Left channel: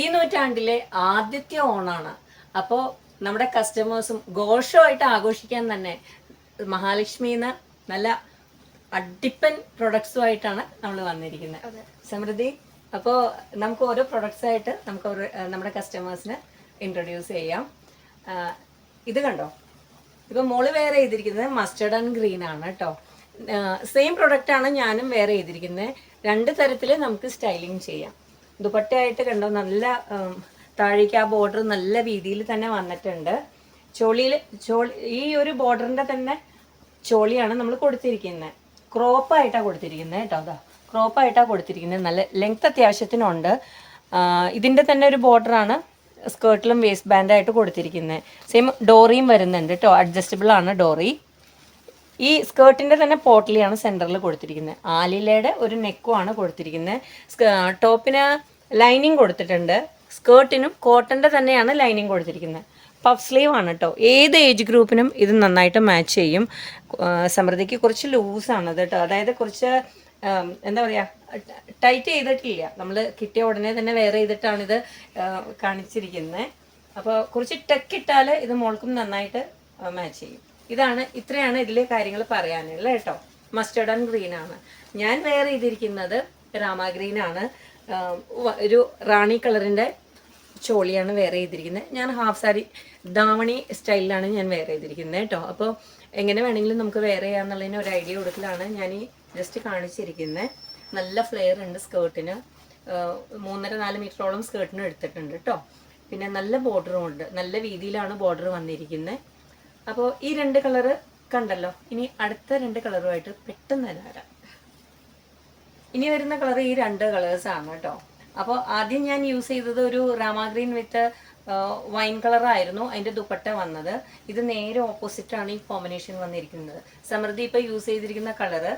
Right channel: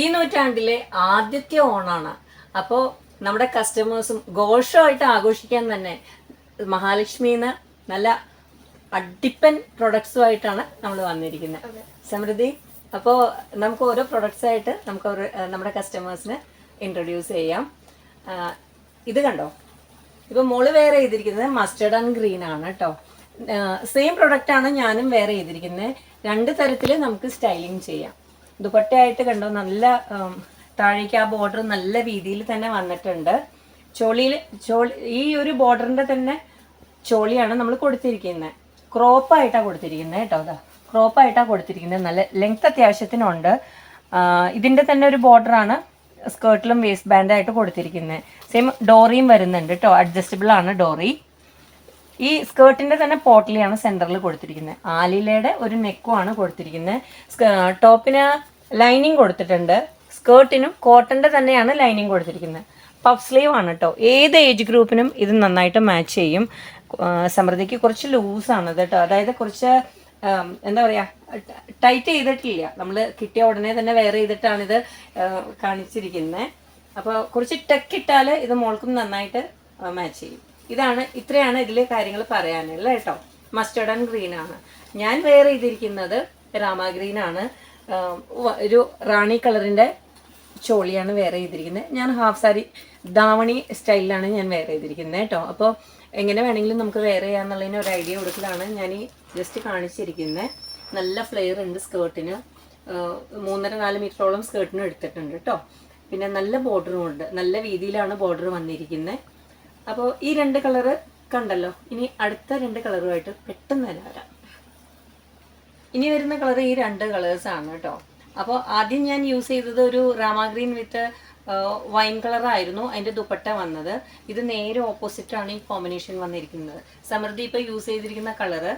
ഈ നൂറ്റാണ്ടിലെ ആദ്യത്തെ ഓണാണ്. അപ്പോൾ നമ്മുടെ കസ്റ്റമേഴ്സും ഘോഷമായിട്ട് ആഘോഷിക്കാൻ തന്നെ മഹാലക്ഷ്മിന്ന് നല്ല അടിപ്പൻ പ്രൊഡക്ട്സുമായിട്ടാണ് നമ്മൾ വന്നിരിക്കുന്നത്. സമൃദ്ധി, അപ്പോൾ നമുക്ക് ഓരോ പ്രൊഡക്ട്സ് ആയിട്ട് നമുക്ക് നമ്മുടെ കസ്റ്റമേഴ്സിന് ഇൻട്രൊഡ്യൂസ് ചെയ്യാം. ഇത് കണ്ടോ, ഇപ്പം മോള് വെയർ ചെയ്തിരിക്കുന്നത് മസ്റ്റേർഡ് ആൻഡ് ഗ്രീൻ ആണ് കേട്ടോ. സെയിം പ്രൊഡക്റ്റാണ് ഞാനും വെയർ ചെയ്തിരിക്കുന്നത്. രണ്ട് തരത്തിൽ നമുക്ക് സ്റ്റൈലിങ് ചെയ്യാം. ദുപ്പട്ടയായിട്ട് കണ്ടോ, നല്ല താഴേക്ക് ആ ബോർഡർ നല്ല രീതിയിൽ തന്നെ വന്നിട്ടുണ്ട്. ഈ ഒരു ബോർഡറിൻ്റെ തന്നെ ചോളിയാണ് നമ്മൾ കൊടുത്തിരിക്കുന്നത്. ക്രോപ്പായിട്ടാണ് കൊടുത്തിരിക്കുന്നത് കേട്ടോ. അതാ ക്രോപ്പായിട്ടാണ് കൊടുത്തിരിക്കുന്നത്. നല്ല ലെങ്ത് അത്യാവശ്യത്തിനുണ്ട്. ഇതിൻ്റെ തന്നെ ഒരു ബോർഡറാണ് സ്കേർട്ടിലും വേസ്റ്റ് ബാൻഡായിട്ട് കൊടുത്തിരിക്കുന്നത്. സെയിം ഡോറിയും വരുന്നുണ്ട് കേട്ടോ, അഡ്ജസ്റ്റബിൾ ആണ് ഡോറി. ഈ സ്കേർട്ടിൻ്റെ തന്നെ പോട്ട്ലിയാണ് സെൻറ്ററിൽ കൊടുത്തിരിക്കുന്നത്. ആലിലയുടെ ഒരു നെക്കുമാണ് കൊടുത്തിരിക്കുന്നത്. ടോപ്പിന് ലൈനിങ് കൊടുത്തിട്ടുണ്ട്. സ്കേർട്ടിനും കോട്ടൻ്റെ തന്നെയാണ് ലൈനിങ് കൊടുത്തിരിക്കുന്നത്. പഫ് സ്ലീവ് ആണ് കേട്ടോ. ഏത് ഏജ് ഗ്രൂപ്പിനും ഇത് നന്നായിട്ട് മാച്ച് ചെയ്യും. സമൃദ്ധിക്ക് കുറച്ച് ലൂസാണ് കേട്ടോ, അതായത് കുറച്ച് എന്താ പറയുക, ടൈറ്റ് ചെയ്തിട്ടില്ല. നമ്മൾ കിട്ടിയ ഉടനെ തന്നെ വെയർ ചെയ്തിട്ടാണിത് കാണിച്ചിരിക്കുന്നത്. അപ്പോൾ കുറച്ച് ടെക്കിട്ടാൽ ഇത് മോൾക്കും നന്നായിട്ട് മാച്ച് ചെയ്യും. ഇത്രയാണ് ഇതിൽ കാര്യങ്ങൾ പറയാനുള്ളത് കേട്ടോ. മസ്റ്റേർഡ് ആൻഡ് ഗ്രീൻ ആണ് ഞാൻ വെയർ ചെയ്തിരിക്കുന്നത്. രാമ ഗ്രീൻ ആണ്. ഒരു റാണി കളറിൻ്റെ ചോളിയാണ് വെയർ ചെയ്തിരിക്കുന്നത്. ഞാൻ ഹാഫ് സാരി ധാവണി സ്റ്റൈലിലാണ് ഞാൻ വെയർ ചെയ്തിരിക്കുന്നത് കേട്ടോ. അപ്പോൾ എങ്ങനെ വേണമെങ്കിലും നമുക്ക് വെയർ ചെയ്യാന്നുള്ളതിന് ഒരു ഐഡിയ കൊടുക്കലാണ് ഞാൻ ഈ ജസ്റ്റ് കാണിച്ചിരിക്കുന്നത്. നല്ല ഫ്ലെയർ ഉണ്ട് സ്കേർട്ടിന്. 3.5-4 മീറ്ററോളം സ്കേർട്ടിന് എടുത്തിട്ടുണ്ട് കേട്ടോ. പിന്നെ നല്ല ബോർഡറും ഉണ്ട്. നല്ല വീതിയിലാണ് ബോർഡർ വന്നിരിക്കുന്നത്. അപ്പോൾ ഈ 2 കളറ് കണ്ടല്ലോ. ഇനി അടുത്ത 2 കളറുമായിട്ട് പെട്ടെന്ന് തന്നെ വരാം. ഇനി വരുന്ന കളർ ഈ 2 കളേഴ്സാണ് കേട്ടോ. അപ്പോൾ ആദ്യം ഞാൻ യൂസ് ചെയ്തത് ഒരു രാമ ഗ്രീൻ വിത്ത് വൈൻ കളറായിരുന്നു അതിൻ്റെ ദുപ്പട്ട വന്നത്. ഇത് നേരെ ഓപ്പോസിറ്റാണ് ഈ കോമ്പിനേഷൻ വന്നിരിക്കുന്നത്. സമൃദ്ധി ഇപ്പോൾ യൂസ് ചെയ്തിരിക്കുന്ന കളറ്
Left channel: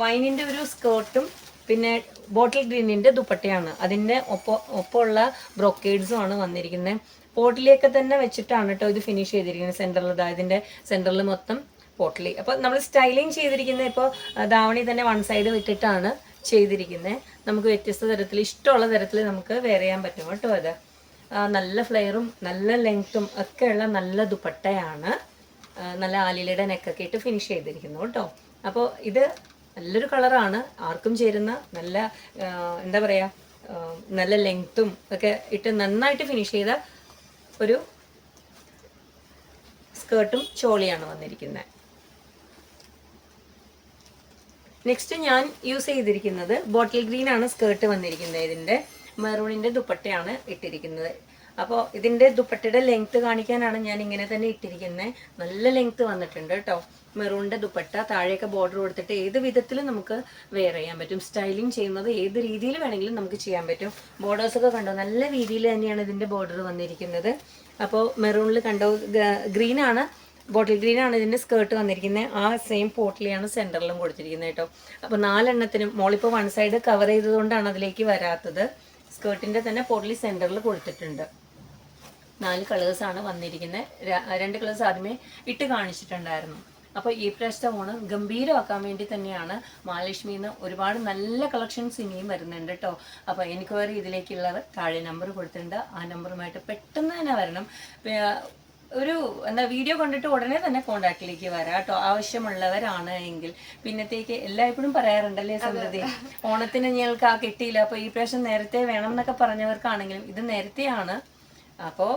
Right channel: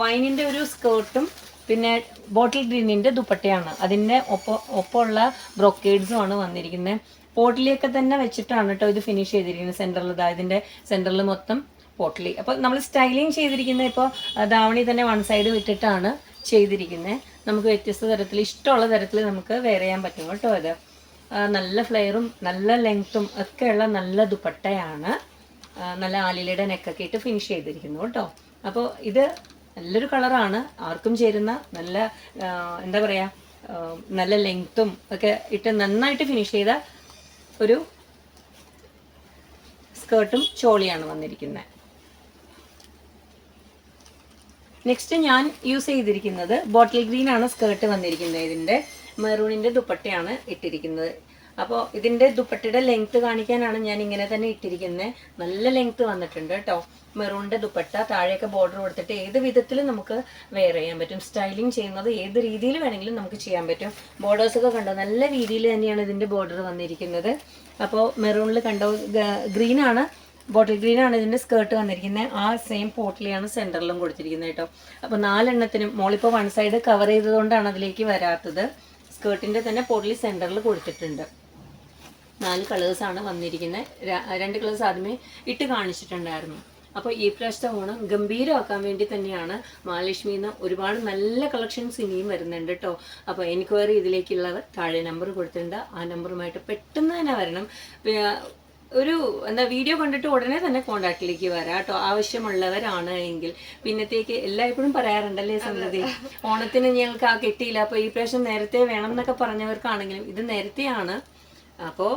വൈനിൻ്റെ ഒരു സ്കേർട്ടും പിന്നെ ബോട്ടിൽ ഗ്രീനിൻ്റെ ദുപ്പട്ടയാണ്. അതിൻ്റെ ഒപ്പമുള്ള ബ്രോക്കേഡ്സുമാണ് വന്നിരിക്കുന്നത്. പോട്ട്ലിയൊക്കെ തന്നെ വെച്ചിട്ടാണ് കേട്ടോ ഇത് ഫിനിഷ് ചെയ്തിരിക്കുന്നത്. സെൻറ്ററിൽ ഇതിൻ്റെ സെൻറ്ററിൽ മൊത്തം പോട്ട്ലി. അപ്പോൾ നമ്മൾ സ്റ്റൈലിങ് ചെയ്തിരിക്കുന്നത് ഇപ്പോൾ ധാവണി തന്നെ വൺ സൈഡ് വിട്ടിട്ടാണ് ചെയ്തിരിക്കുന്നത്. നമുക്ക് വ്യത്യസ്ത തരത്തിൽ ഇഷ്ടമുള്ള തരത്തിൽ നമുക്ക് വെയർ ചെയ്യാൻ പറ്റും കേട്ടോ. ഇത് നല്ല ഫ്ലെയറും നല്ല ലെങ്ത്തും ഒക്കെയുള്ള നല്ല ദുപ്പട്ടയാണ്. നല്ല ആലിലയുടെ നെക്കൊക്കെ ഇട്ട് ഫിനിഷ് ചെയ്തിരിക്കുന്നു കേട്ടോ. അപ്പോൾ ഇത് നല്ലൊരു കളറാണ്, ആർക്കും ചേരുന്ന നല്ല എന്താ പറയുക, നല്ല ലെങ്ത്തും ഒക്കെ ഇട്ട് നന്നായിട്ട് ഫിനിഷ് ചെയ്ത ഒരു സ്കേർട്ടും ചോളിയാണ് വന്നിരിക്കുന്നത്. നെക്സ്റ്റ് ഞാൻ യൂസ് ചെയ്തിരിക്കുന്നത് ബോട്ടിൽ ഗ്രീൻ ആണ് സ്കേർട്ട് വന്നിരിക്കുന്നത്. ഇതിൻ്റെ മെറൂണിൻ്റെ ദുപ്പട്ടയാണ് ഇട്ടിരിക്കുന്നത്. അപ്പോൾ ഇതിൻ്റെ ദുപ്പട്ടയുടെ ലെങ്ത്ത് കാണിക്കാനാണ് ഞാൻ ഇങ്ങനെ തന്നെ ഇട്ടിരിക്കുന്നത്. നല്ല ലെങ്ത്ത് വന്നിട്ടുണ്ട് കേട്ടോ. മെറൂണിൻ്റെ ദുപ്പട്ട താഴെയൊക്കെ ബോർഡർ കൊടുത്തിട്ട് ഏത് വിധത്തിലും നമുക്ക് വെയർ ചെയ്യാൻ പറ്റും. സ്റ്റൈലിങ് ചെയ്യുന്നത് ഏത് രീതിയിൽ വേണമെങ്കിലും നമുക്ക് ചെയ്യാൻ പറ്റും. ബോർഡേഴ്സൊക്കെ കണ്ടോ, നല്ല രീതിയിൽ തന്നെയാണ് ഇതിൻ്റെ ബോർഡർ വന്നിരിക്കുന്നത്. അപ്പോൾ മെറൂണിൽ കണ്ടോ, ഗ്രീനാണ്, ബോട്ടിൽ ഗ്രീനാണ് ഇതിൻ്റെ സ്കേർട്ട് വന്നിരിക്കുന്നത്. ആ സെയിം പോട്ടിലാണ് സെൻറ്ററിലും കൊടുത്തിരിക്കുന്നത് കേട്ടോ. അപ്പോൾ 4 എണ്ണത്തിനും മോളിപ്പോൾ വൺ സൈഡ് കവർ ചെയ്തതുകൊണ്ടാണ് അതിലേക്ക് വരാത്തത്. സ്കേർട്ടിൻ്റെ തന്നെ പോട്ടിൽ സെൻറ്ററിൽ കൊടുത്തിട്ടുണ്ട്. 4 കളേഴ്സാണ് വന്നിരിക്കുന്നത്. 2 കളേഴ്സ് ആദ്യമേ ഇട്ട് കാണിച്ചിട്ടുണ്ടായിരുന്നു. അപ്പോൾ ഈ പ്രാവശ്യത്തെ ഓണം ഗംഭീരമാക്കാൻ വേണ്ടി തന്നെയാണ് മഹാലക്ഷ്മിയിൽ നിന്ന് ഒരുപാട് നല്ല കളക്ഷൻസ് ഇനിയും വരുന്നുണ്ട് കേട്ടോ. അപ്പോൾ എൻക്വയറി ഇതിലേക്കുള്ളവർ താഴെ നമ്പർ കൊടുത്തിട്ടുണ്ട്. ആ നമ്പറുമായിട്ട് പെട്ടെന്ന് തന്നെ വരണം. ഒരു വീഡിയോ കണ്ടിട്ട് ഉടനെ തന്നെ കോണ്ടാക്റ്റിലേക്ക് വരാം കേട്ടോ, ആവശ്യമുള്ളവരാണ് എങ്കിൽ. പിന്നത്തേക്ക് എല്ലായ്പ്പോഴും പറയാറുണ്ടല്ലേ സമൃദ്ധി, ഓണത്തിന് ഞങ്ങൾക്ക് ആ കിട്ടിയില്ല, അപ്പോൾ ഈ പ്രാവശ്യം നേരത്തെ വേണം എന്നൊക്കെ പറഞ്ഞവർക്കാണെങ്കിലും ഇത് നേരത്തെയാണ്. അപ്പോൾ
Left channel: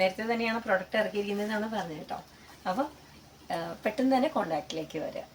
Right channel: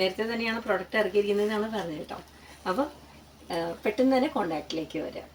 നേരത്തെ തന്നെയാണ് പ്രൊഡക്റ്റ് ഇറക്കിയിരിക്കുന്നതെന്നാണ് പറഞ്ഞത് കേട്ടോ. അപ്പോൾ പെട്ടെന്ന് തന്നെ കോണ്ടാക്റ്റിലേക്ക് വരാം.